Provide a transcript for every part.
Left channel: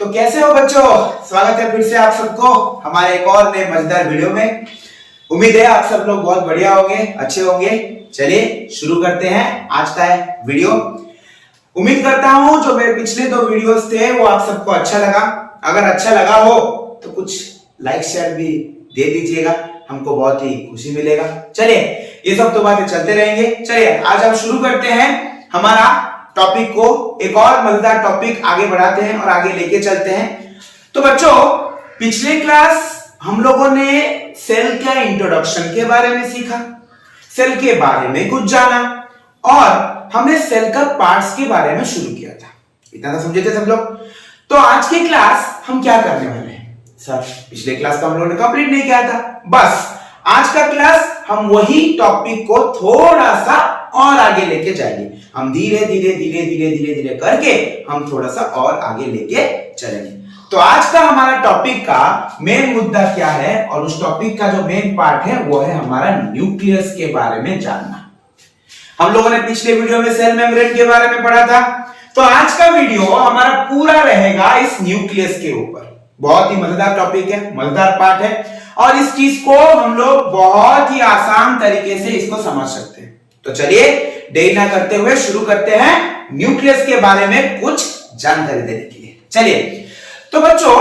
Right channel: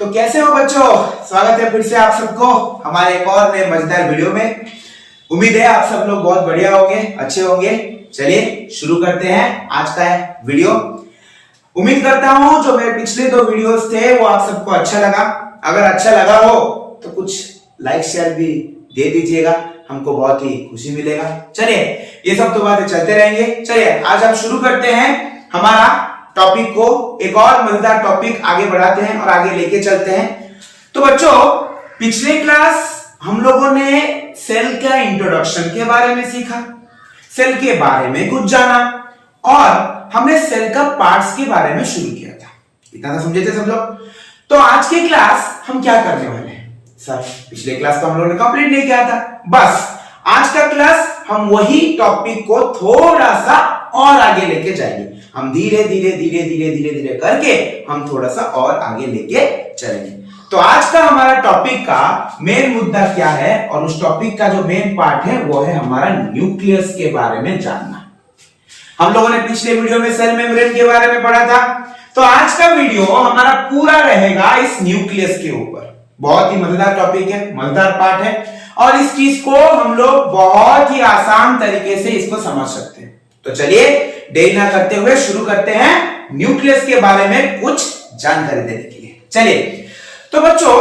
तो कैसे हो बच्चों, स्वागत है फिर से आप सबको हमारे एक और नए मजेदार वीडियो में। उम्मीद है आप सब लोग बहुत बढ़िया होंगे, अच्छे होंगे। चलिए शुरू करते हैं आज का वीडियो। उम्मीद करता हूं जो मेरे पिछले 2 वीडियोस थे वो आप सबको अच्छा लगा। अगर अच्छा लगा हो तो कुछ लाइक शेयर भी दे दीजिएगा, हमको बहुत ही खुशी मिलेगा। चलिए ये सब तो बातें चलते रहेंगे। चलिए आज हम शुरू करते हैं हमारा टॉपिक को, एक और मजेदार टॉपिक आगे बढ़ाते हैं और आगे लेके चलते हैं। तो बच्चों पिछले क्लास हम लोगों ने सेल का इंट्रोडक्शन के बारे में सीखा, सेल के बारे में कुछ जाना और हमने सेल का पार्ट्स के बारे में शुरू किया था। इतना तो समझे थे सब लोग। तो आज की क्लास हम क्या करने वाले हैं? सर पिछले क्लास तो हम लोगों ने कंप्लीट नहीं किया था, बस आज का क्लास हम वही टॉपिक को थोड़ा सा और आगे लेके जाएंगे। हम धीरे धीरे करके हम थोड़ा सा और आगे लेके चलेंगे। तो आज का हमारा टॉपिक का मेन मुद्दा क्या है और उस टॉपिक का जो मेन पार्ट है वो है हमारा न्यूक्लियस के बारे में जानना। हम लोगों ने पिछले वीडियो में सेल मेम्ब्रेन के बारे में पढ़ा था, तो आज का वीडियो हमारा पूरा रहेगा इस न्यूक्लियस के ऊपर। बहुत ही मजेदार टॉपिक है, मजेदार पार्ट है और इस चीज को हम लोग बहुत ही आसान तरीके से इसको समझ सकते हैं। तो चलिए देरी ना करते हुए शुरू करते हैं न्यूक्लियस के बारे में कुछ जानकारी देने के लिए। चलिए तो बच्चों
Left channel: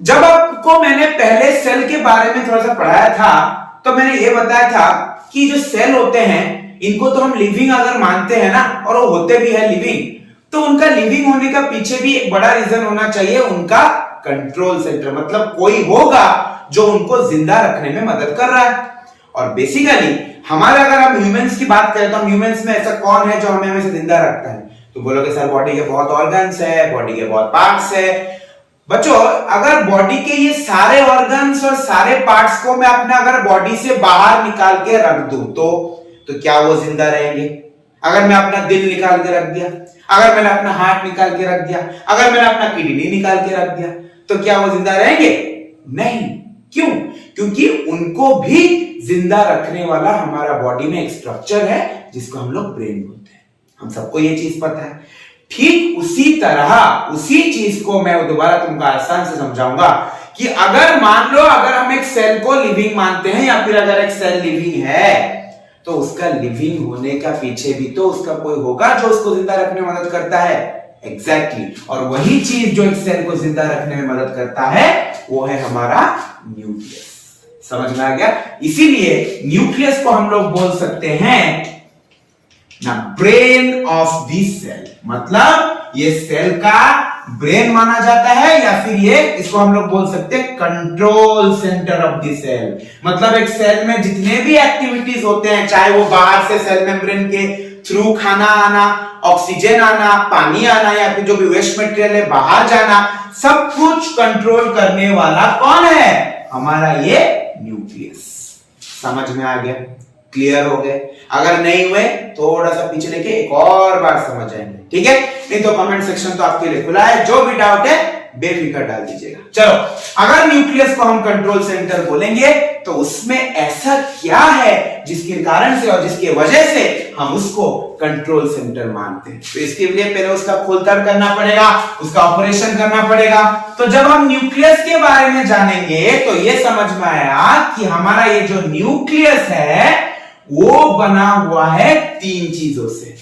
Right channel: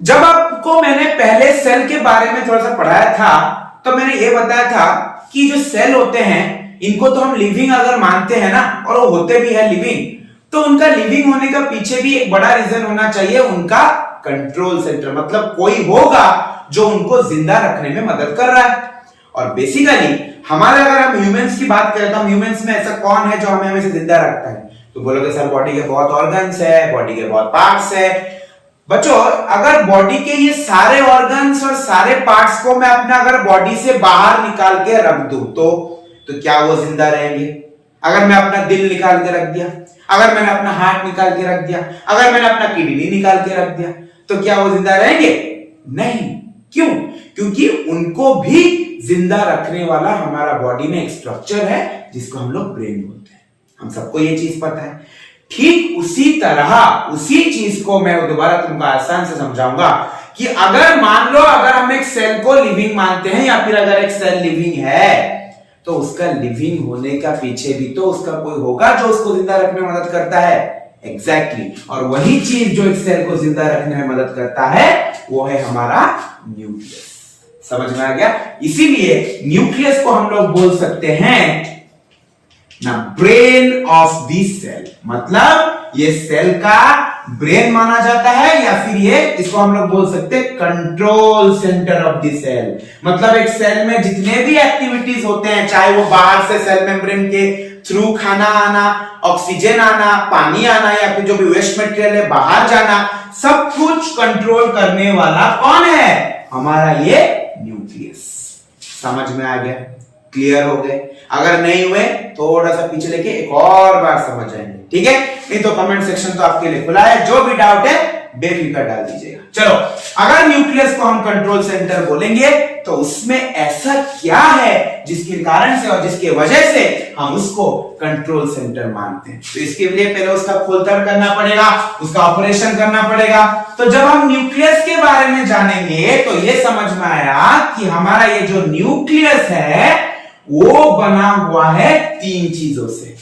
जब आपको मैंने पहले सेल के बारे में थोड़ा सा पढ़ाया था तो मैंने ये बताया था कि जो सेल होते हैं इनको तो हम लिविंग अगर मानते हैं ना, और वो होते भी है लिविंग, तो उनका लिविंग होने का पीछे भी एक बड़ा रीजन होना चाहिए, उनका कंट्रोल सेंटर। मतलब कोई होगा जो उनको जिंदा रखने में मदद कर रहा है। और बेसिकली हमारे अगर हम ह्यूमंस की बात करें तो हम ह्यूमंस में ऐसा कौन है जो हमें हमेशा जिंदा रखता है? तो बोलोगे सर बॉडी के बहुत ऑर्गन्स है, बॉडी के बहुत पार्ट्स है। बच्चों अगर बॉडी के ये सारे ऑर्गन्स और सारे पार्ट्स को मैं अपने अगर बॉडी से बाहर निकाल के रख दूं तो क्या वो जिंदा रहेंगे? अगर मैं अपना दिल निकाल के रख दिया, अगर मैंने अपना हार्ट निकाल के रख दिया, अगर मैंने अपना किडनी निकाल के रख दिया, तो क्या वो जिंदा रहेंगे? नहीं। क्यों? क्योंकि उनको भी जिंदा रखने वाला हमारा बॉडी में एक स्ट्रक्चर है जिसको हम लोग ब्रेन बोलते हैं। हम सबको ये चीज पता है। ठीक उसी तरह उसी चीज को मैं दोबारा तुमको आसान से समझाऊंगा कि अगर मान लो अगर हम एक सेल को लिविंग मानते हैं या फिर अगर एक सेल लिविंग है तो उसका लिविंग होने का पीछे भी तो उसका कोई होगा जो उसको जिंदा रखने में मदद करता है। एग्जैक्टली और वही चीज जो एक सेल को जिंदा रखने में मदद करता है वो है हमारा न्यूक्लियस। समझ में आ गया? इसीलिए न्यूक्लियस को हम लोग बोल सकते हैं ना ब्रेन ऑफ द सेल। मतलब ये सेल का ब्रेन माना जाता है या फिर ये इसको हम लोग बोल सकते हैं control centre of the cell. मतलब एक सेल में जितने भी एक्टिविटीज होते हैं, चाहे वो बाहर से सेल मेम्ब्रेन के थ्रू खाना आना, ऑक्सीजन आना, पानी आना या फिर जो भी वेस्ट मटेरियल है बाहर जाना, सब कुछ कंट्रोल करने वाला कौन है? हमारा ये न्यूक्लियस। समझ में आ गया? क्लियर हो गए? अगर नहीं हुए थोड़ा सा पीछे लेके एक और बार समझ जाएंगे, ठीक है? नहीं तो कमेंट सेक्शन तो आपके लिए खुला है, जो भी डाउट है बेफिक्र डाल दीजिएगा। चलो अगर न्यूक्लियस को हम कंट्रोल सेंटर बोलेंगे तो उसमें ऐसा क्या है जिसके कारण से और जिसकी वजह से हम उसको कंट्रोल सेंटर मानते हैं? तो इसके लिए पहले उसका खोलताड़ करना पड़ेगा, उसका ऑपरेशन करना पड़ेगा। तो जब हम न्यूक्लियस के बारे में जानेंगे तो ये समझ में आया कि हमारा ये जो न्यूक्लियस है वो बना हुआ है 3 चीजों से।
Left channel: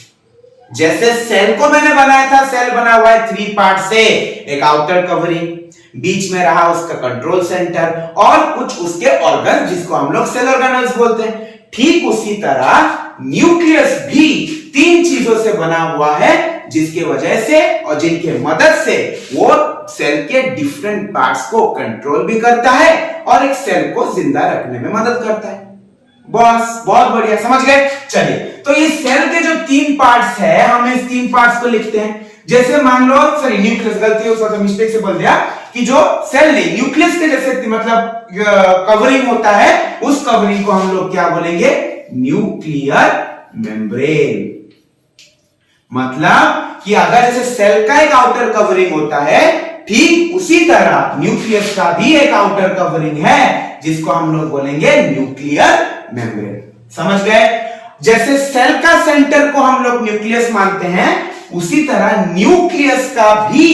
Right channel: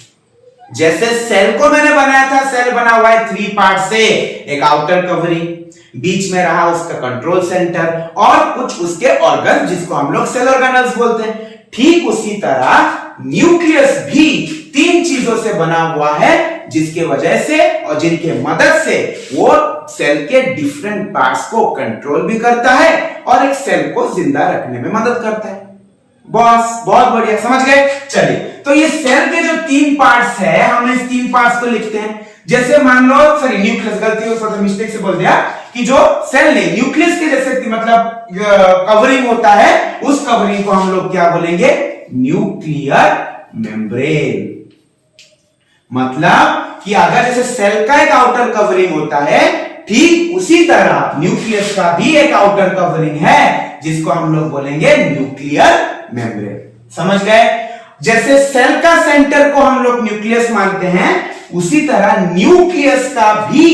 जैसे सेल को मैंने बनाया था, सेल बना हुआ है 3 पार्ट से। एक आउटर कवरिंग, बीच में रहा उसका कंट्रोल सेंटर और कुछ उसके ऑर्गन जिसको हम लोग सेल ऑर्गेनल्स बोलते हैं। ठीक उसी तरह न्यूक्लियस भी 3 चीजों से बना हुआ है जिसके वजह से और जिनके मदद से वो सेल के डिफरेंट पार्ट्स को कंट्रोल भी करता है और एक सेल को जिंदा रखने में मदद करता है। बस बहुत बढ़िया, समझ गए? चलिए तो ये सेल के जो 3 पार्ट्स है हम इस 3 पार्ट्स को लिखते हैं। जैसे मान लो सॉरी न्यूक्लियस, गलती हो मिस्टेक से बोल दिया कि जो सेल नहीं न्यूक्लियस के जैसे मतलब कवरिंग होता है उस कवरिंग को हम लोग क्या बोलेंगे? Nuclear membrane. मतलब कि अगर जैसे सेल का एक आउटर कवरिंग होता है ठीक उसी तरह न्यूक्लियस का भी एक आउटर कवरिंग है जिसको हम लोग बोलेंगे न्यूक्लियर मेम्ब्रेन। समझ गए? जैसे सेल का सेंटर को हम लोग न्यूक्लियस मानते हैं उसी तरह न्यूक्लियस का भी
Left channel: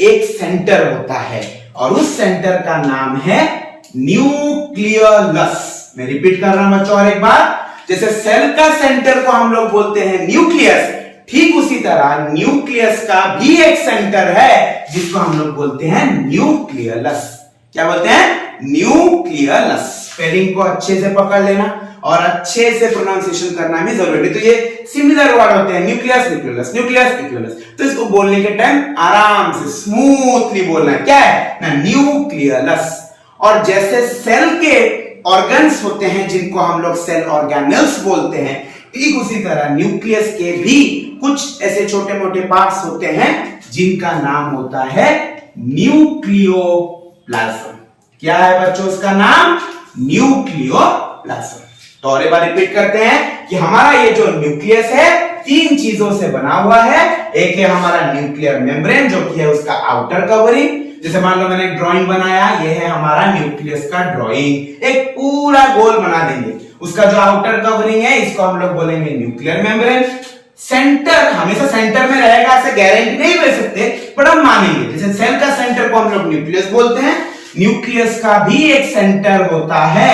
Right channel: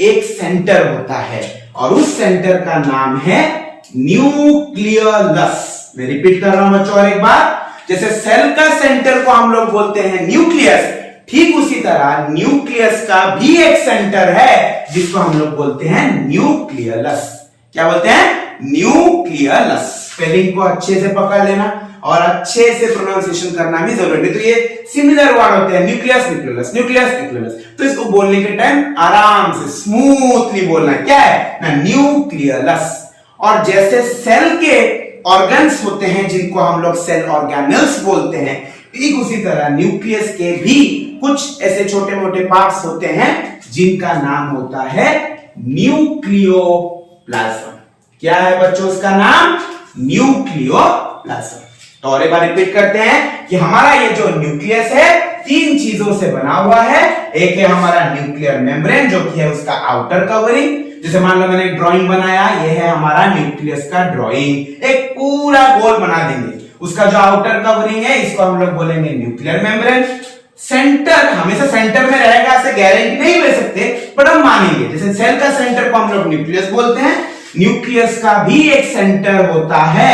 एक सेंटर होता है और उस सेंटर का नाम है न्यूक्लियस। मैं रिपीट कर रहा हूं बच्चों और एक बार, जैसे सेल का सेंटर को हम लोग बोलते हैं न्यूक्लियस, ठीक उसी तरह न्यूक्लियस का भी एक सेंटर है जिसको हम लोग बोलते हैं न्यूक्लियस। क्या बोलते हैं? न्यूक्लियस। स्पेलिंग को अच्छे से पकड़ लेना और अच्छे से प्रोनाउंसिएशन करना भी जरूरी है। तो ये सिमिलर वर्ड होते हैं, न्यूक्लियस न्यूक्लियस न्यूक्लियस न्यूक्लियस। तो इसको बोलने के टाइम आराम से स्मूथली बोलना है। क्या है ना? न्यूक्लियस। और जैसे सेल के ऑर्गन्स होते हैं जिनको हम लोग सेल ऑर्गेनल्स बोलते हैं, ठीक उसी तरह न्यूक्लियस के भी कुछ ऐसे छोटे मोटे पार्ट्स होते हैं जिनका नाम होता है न्यूक्लियोप्लाज्म। क्या है बच्चों उसका नाम? न्यूक्लियोप्लाज्म। तो और एक बार रिपीट करते हैं कि हमारा ये जो न्यूक्लियस है तीन चीजों से बना हुआ है। एक है हमारा न्यूक्लियर मेम्ब्रेन जो कि है उसका आउटर कवरिंग, जैसे मान लो मैंने ड्राइंग बनाया, ये है हमारा न्यूक्लियस का ड्राइंग, एक पूरा गोल बना देंगे। उसका जो आउटर कवरिंग है इसको हम लोग बोलेंगे न्यूक्लियर मेम्ब्रेन। सेंटर हमेशा सेंटर में रहेगा ऐसे गारंटी नहीं ले सकते, पर हम मानेंगे जैसे सेल का सेंटर को हम लोग न्यूक्लियस बोलते हैं, न्यूक्लियस का भी एक सेंटर होता है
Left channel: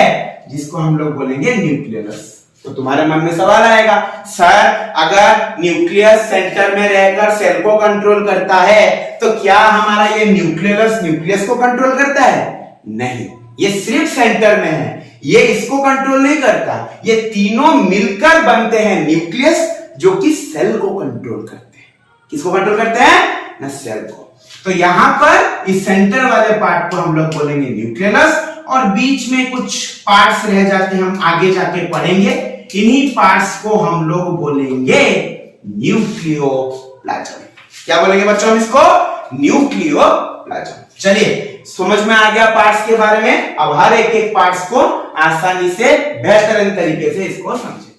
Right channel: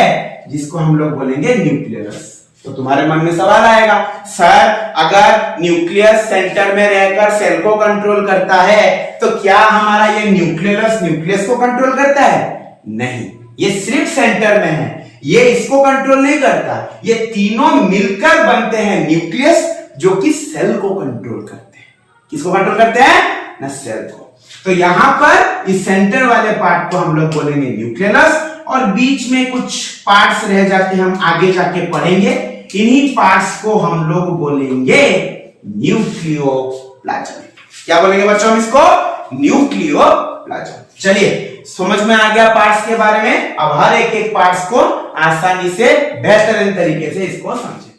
जिसको हम लोग बोलेंगे न्यूक्लियस। तो तुम्हारे मन में सवाल आएगा, सर अगर न्यूक्लियस सेंटर में रहकर सेल को कंट्रोल करता है तो क्या हमारा ये न्यूक्लियस न्यूक्लियस को कंट्रोल करता है? नहीं, ये सिर्फ सेंटर में है, ये इसको कंट्रोल नहीं करता। ये तीनों मिलकर बनते हैं न्यूक्लियस जो कि सेल को कंट्रोल करते हैं। किसको कंट्रोल करते हैं? ना सेल को। तो यहां पर इस सेंटर वाले पार्ट को हम लोग बोलेंगे न्यूक्लियस और बीच में कुछ पार्ट्स रह जाते हैं, हम आगे जाके पढ़ेंगे। इन्हीं पार्ट्स को हम लोग बोलेंगे न्यूक्लियोप्लाज्म। क्या बोलेंगे बच्चों हम इसको? न्यूक्लियोप्लाज्म। चलिए समझ में आ गया पार्ट्स के बारे में। अब हर एक एक पार्ट्स को आसानी से बेहतरीन तरीके से इसको समझे।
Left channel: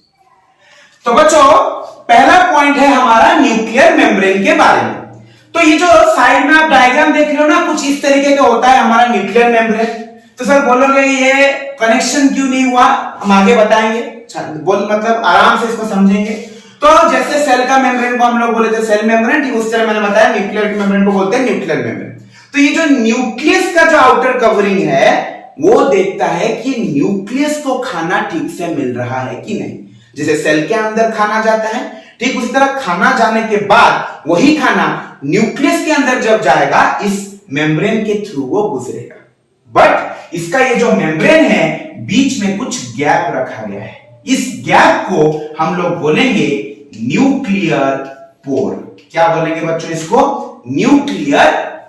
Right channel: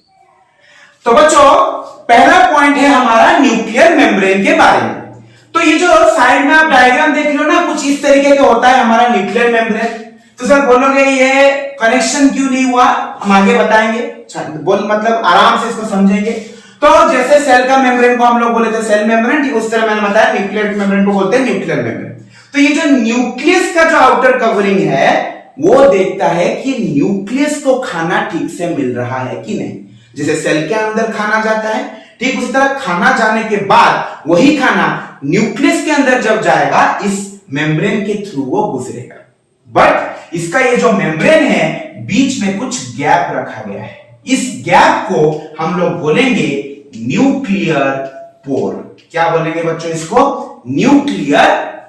तो बच्चों पहला पॉइंट है हमारा न्यूक्लियर मेम्ब्रेन के बारे में। तो ये जो साइड में आप डायग्राम देख रहे हो ना, कुछ इस तरीके का होता है हमारा न्यूक्लियर मेम्ब्रेन। तो सर बोलोगे ये कनेक्शन क्यों नहीं हुआ, हम आगे बताएंगे। बोल मतलब आराम से इसको समझेंगे। तो जैसे सेल का मेम्ब्रेन को हम लोग बोले थे सेल मेम्ब्रेन, ठीक उस तरह मैंने बताया न्यूक्लियर मेम्ब्रेन को बोलते हैं न्यूक्लियर मेम्ब्रेन। तो ये जो न्यूक्लियस का जो आउटर कवरिंग है वो देखता है कि न्यूक्लियस को खाना ठीक से मिल रहा है कि नहीं। जैसे सेल के अंदर खाना जाता है, ठीक उसी तरह खाना जाने के बाद वही खाना न्यूक्लियस के अंदर जब जाएगा इस मेम्ब्रेन के थ्रू वो गुजरेगा। बट इसका ये जो मेम्ब्रेन है बीच में कुछ गैप रखा गया है, इस गैप को हम लोग बोलेंगे न्यूक्लियर पोर। क्या बोलेंगे बच्चों इसको? Nuclear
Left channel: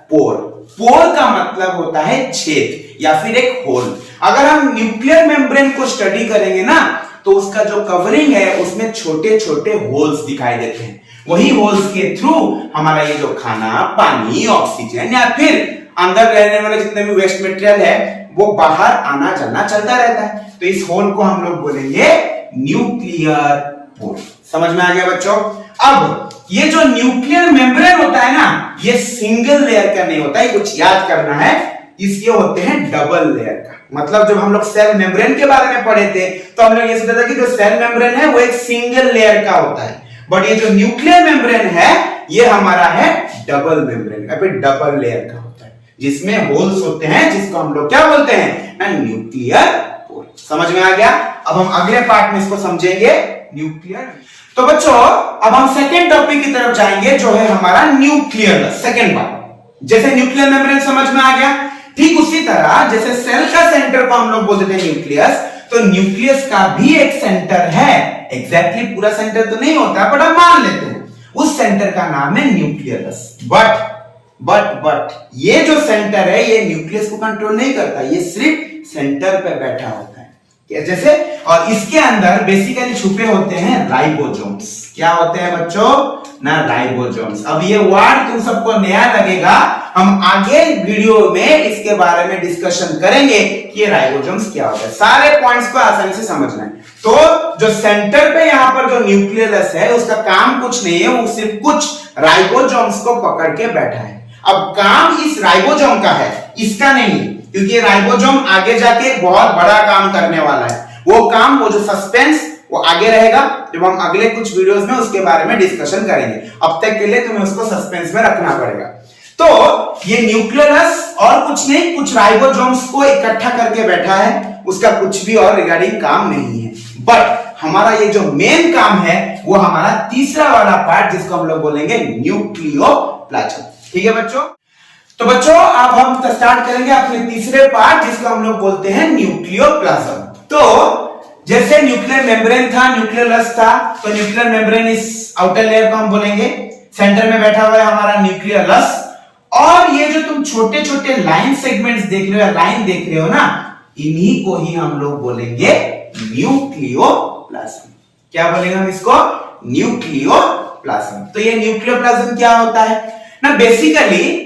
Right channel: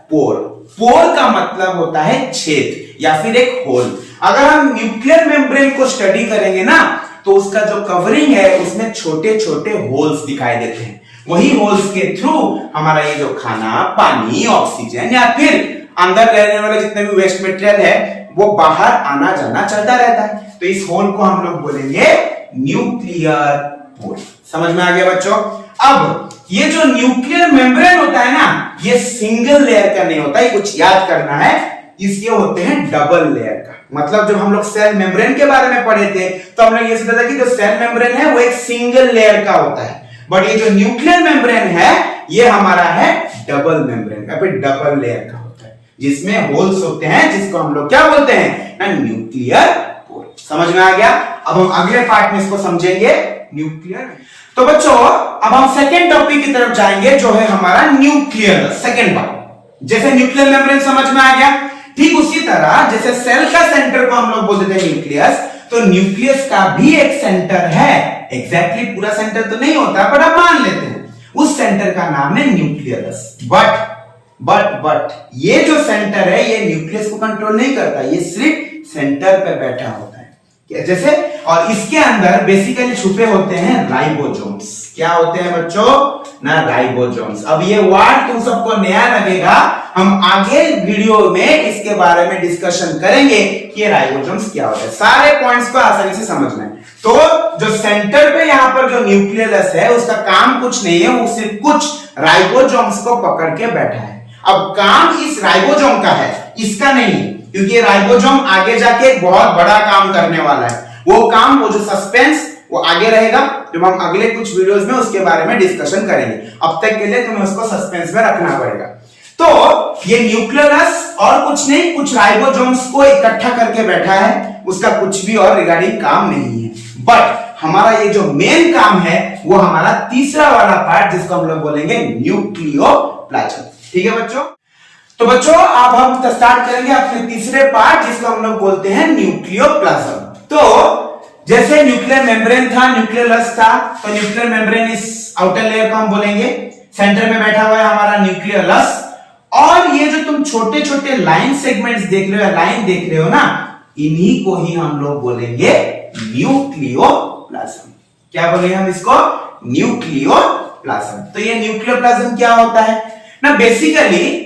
pore. पोर का मतलब होता है छेद या फिर एक होल। अगर हम न्यूक्लियर मेम्ब्रेन को स्टडी करेंगे ना तो उसका जो कवरिंग है उसमें छोटे छोटे होल्स दिखाई देते हैं। वही होल्स के थ्रू हमारा ये जो खाना, पानी, ऑक्सीजन या फिर अंदर रहने वाले जितने भी वेस्ट मटेरियल है वो बाहर आना जाना चलता रहता है। तो इस होल को हम लोग बोलेंगे न्यूक्लियर पोर। समझ में आ गया बच्चों? अब ये जो न्यूक्लियर मेम्ब्रेन होता है ना, ये सिंगल लेयर का नहीं होता, ये कुछ याद करना है, इसके होते हैं डबल लेयर का। मतलब जब हम लोग सेल मेम्ब्रेन के बारे में पढ़े थे तो हम लोग ये सोचा था कि जो सेल मेम्ब्रेन है वो एक सिंगल लेयर का होता है, बट ये जो न्यूक्लियर मेम्ब्रेन है ये हमारा है डबल मेम्ब्रेन का, फिर डबल लेयर का होता है जिसमें होल्स होते हैं, जिसको हम लोग क्या बोलते हैं ना, न्यूक्लियर पोर। समझ में आ गया? अब हम अगले पार्ट में इसको समझेंगे न्यूक्लियर। तो बच्चों अब हम सेकेंड टॉपिक की तरफ जाएंगे जो है हमारा न्यूक्लियर सेकेंड पार्ट। जैसे न्यूक्लियर मेम्ब्रेन समझ में आ गया, ठीक उसी तरह जैसे सेल का सेंटर को हम लोग बोलते थे न्यूक्लियस, तो न्यूक्लियस का भी एक सेंटर है। एग्जैक्टली पूरा सेंटर तो नहीं होता पर हम मान लेते हैं उस सेंटर का नाम है न्यूक्लियस। बट ये जो सेंटर है ये न्यूक्लियस को कंट्रोल नहीं करता, ये सिर्फ सेंटर पे बैठा होता है जैसे। और इसके अंदर बेसिकली छुपे होते हैं राइबोसोम्स। क्या होते हैं बच्चों ना? राइबोसोम्स। अब ये वर्ड तुम सबको नया लगेगा, हम आगे वीडियो में इसके बारे में डिस्कशन करेंगे कि ये राइबोसोम्स क्या होता है। सारे पॉइंट्स को आसानी से समझना है। तो जो सेंटर पे यहाँ पर जो न्यूक्लियस है उसका काम कुछ नहीं है, वो सिर्फ कुछ राइबोसोम्स को पकड़ के बैठा है। अब काम इस राइबोसोम का है, इसका नहीं है, क्योंकि राइबोसोम आगे जाके एक बहुत बड़ा काम करने वाला है। वो काम, वो जो सस्पेंस वो आगे रहेगा जब हम अगले कुछ वीडियोस में उसके बारे में डिस्कशन करेंगे। अब तक के लिए तुम्हें उसको सस्पेंस में रखना पड़ेगा। तो ये न्यूक्लियस और कुछ नहीं, कुछ राइबोसोम्स को इकट्ठा करके बैठा है, उसका कुछ भी और रिगार्डिंग काम नहीं है। बट हमारा ये जो मेन काम है वो हमारा तीसरा वाला पार्ट, जिसको हम लोग बोलेंगे न्यूक्लियोप्लाज्म। ठीक है बच्चों? तो बच्चों अब हम स्टार्ट करेंगे अपने तीसरे पार्ट, जिसको हम लोग बोलते हैं न्यूक्लियोप्लाज्म। तो जैसे न्यूक्लियर मेम्ब्रेन था, न्यूक्लियस था, तो न्यूक्लियर मेम्ब्रेन इस आउटर लेयर को हम बोलेंगे, सेंटर में बैठा हुआ है हमारा न्यूक्लियस, और ये जो तुम छोटे छोटे लाइन सेगमेंट्स देख रहे हो, लाइन देख रहे हो ना, इन्हीं को ही हम लोग बोलेंगे न्यूक्लियोप्लाज्म। क्या बोलेंगे हम इसको? न्यूक्लियोप्लाज्म। तो ये न्यूक्लियोप्लाज्म क्या होता है ना, बेसिकली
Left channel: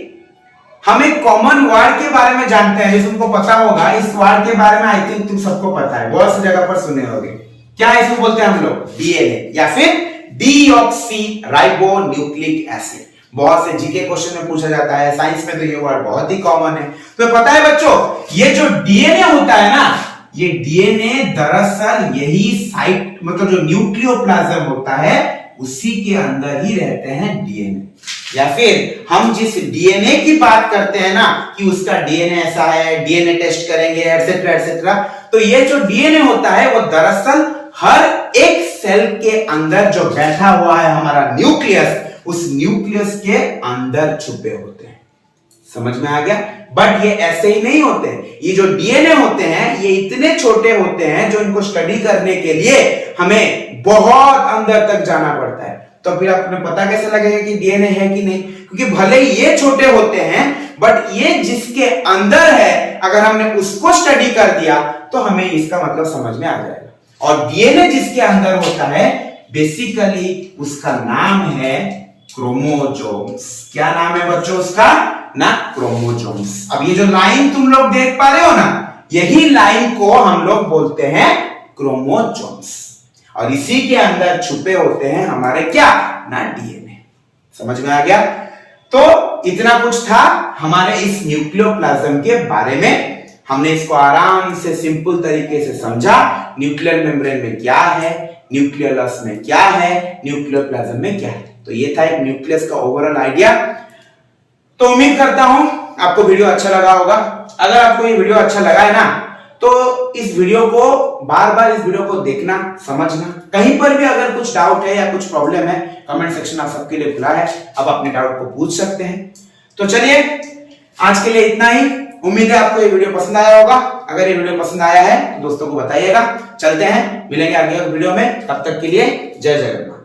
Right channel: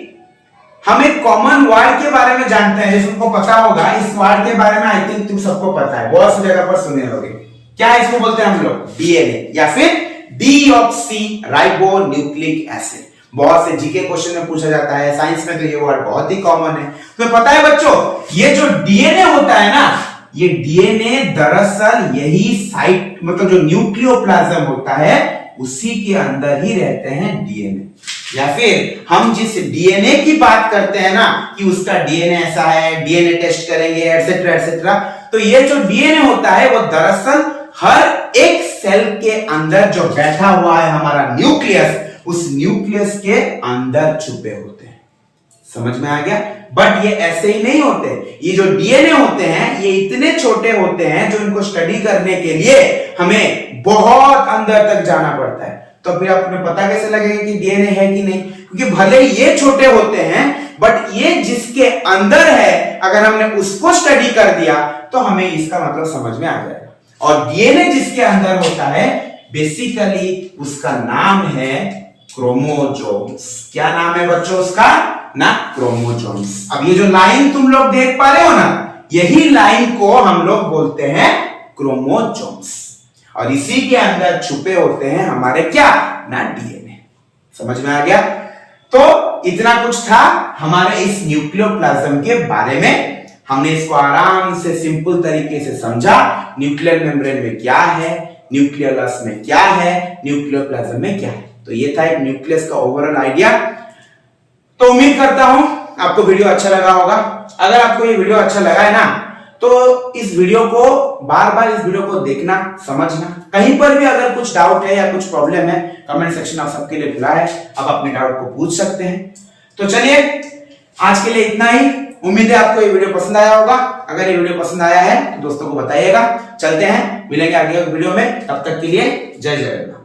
हम एक कॉमन वर्ड के बारे में जानते हैं, जैसे तुमको पता होगा, इस वर्ड के बारे में आई थिंक तुम सबको पता है, बहुत सी जगह पर सुने होंगे। क्या इसको बोलते हैं हम लोग? डीएनए या फिर डीऑक्सी राइबो न्यूक्लिक एसिड। बहुत से जीके क्वेश्चन में पूछा जाता है, साइंस में तो ये वर्ड बहुत ही कॉमन है। तो पता है बच्चों, ये जो डीएनए होता है ना, ये डीएनए दरअसल यही साइट, मतलब जो न्यूक्लियोप्लाज्म होता है उसी के अंदर ही रहते हैं डीएनए। या फिर हम जिस डीएनए की बात करते हैं ना कि उसका डीएनए ऐसा है, डीएनए टेस्ट करेंगे एटसेट्रा एटसेट्रा, तो ये जो डीएनए होता है वो दरअसल हर एक सेल के अंदर जो बैठा हुआ है हमारा न्यूक्लियस, उस न्यूक्लियस के अंदर छुपे होते हैं। समझ में आ गया? बट ये ऐसे ही नहीं होते, ये जो डीएनए होते हैं ये इतने छोटे होते हैं जो इनको स्टडी करने के लिए हमें बहुत अंदर तक जाना पड़ता है। तो फिर आपको पता कैसे लगेगा कि डीएनए है कि नहीं? क्योंकि भले ये छोटे होते हैं, बट ये जिसके अंदर है अगर हमने उसको स्टडी कर दिया तो हमें इसका मतलब समझ में आ जाएगा। और डीएनए जिसके अंदर होता है बेसिकली उसका नाम है क्रोमोसोम्स। क्या नाम है बच्चों उसका? ना, क्रोमोसोम्स। अब ये जो लाइन तुम लोग देख पा रहे हो ना, यही लाइन को हम लोग बोलते हैं क्रोमोसोम्स, और इसी के अंदर छुपे होते हैं हमारे क्या ना, डीएनए। समझ में आ गया? तो इतना कुछ था हमारे इस न्यूक्लियोप्लाज्म के बारे में। हमने इसको आराम से सिंपल तरीके से समझा, न्यूक्लियर मेम्ब्रेन में क्या है, न्यूक्लियस में क्या है, न्यूक्लियोप्लाज्म में क्या है। तो ये था एक न्यूक्लियस का ओवरऑल आइडिया। तो उम्मीद करता हूं आपको वीडियो अच्छा लगा होगा। अगर आपको ये वीडियो अच्छा लगा है ना, तो इस वीडियो को बार बार इस वीडियो को देखना, समझना। कहीं पर भी अगर कुछ डाउट है या कुछ प्रॉब्लम है, कमेंट सेक्शन आप सबके लिए खुला है, आप अपने डाउट को पूछ सकते हैं। तो चलिए आज के लिए इतना ही। उम्मीद है आपको ये वीडियो पसंद आया होगा। अगर ये वीडियो पसंद आया है तो दोस्तों को बताइएगा। चलते हैं, मिलेंगे आगे वीडियो में, तब तक के लिए जय जगन्नाथ।